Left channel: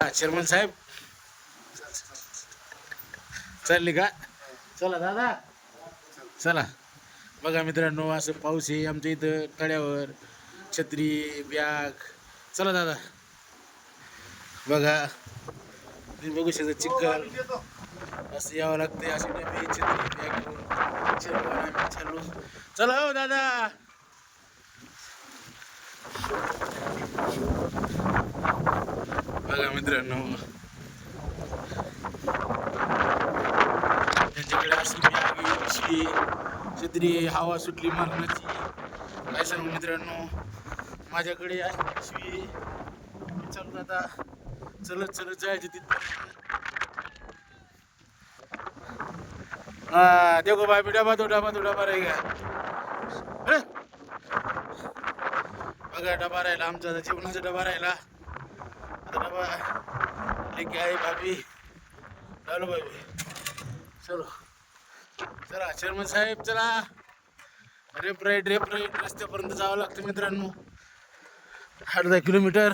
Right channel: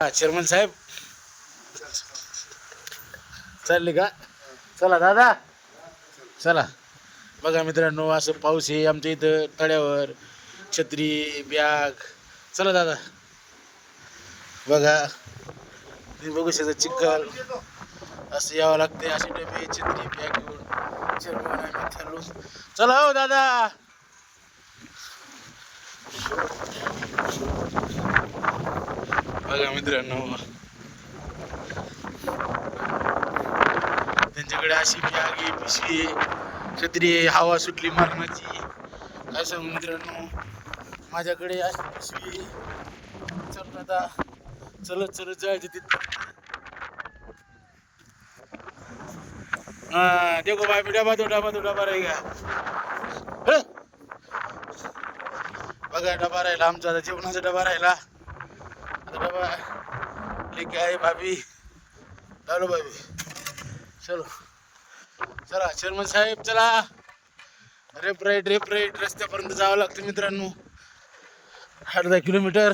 Chairman साहेब चालले का? चला दादा चला. बघा मित्रांनो, असं पाऊस आहे आमच्या इथं तळ्यावर, छत्री बॅग. चला दादा. बघा तुम्ही बघू शकता चिखल, असं यावं लागते. अशी डबे छत्री बॅग घेऊन आम्ही चाललो. चला हो दादा. बघा मित्रांनो, त्यांच्याकडे अशी बॅग आहे, पिशवी आहे, छत्री आहे, हवा सुटली मरणाची. काय सांगू मित्रांनो, माझ्याकडे अशी पिशवी आहे. चल आता चलत चलत जायचं तिथं. हाँ देखो भाई, डबा दो रहेगा. बघा डबा राहिला आमचा, आता जेवणाचा डबा राहिला. आता डबा ठीक आहे भाभी. चालो भाभी, चलो. चला चेअरमन साहेब चला. रेप राईट रस्त्यापर्यंत जावं लागतं मित्रांनो, अर्धा किलोमीटर.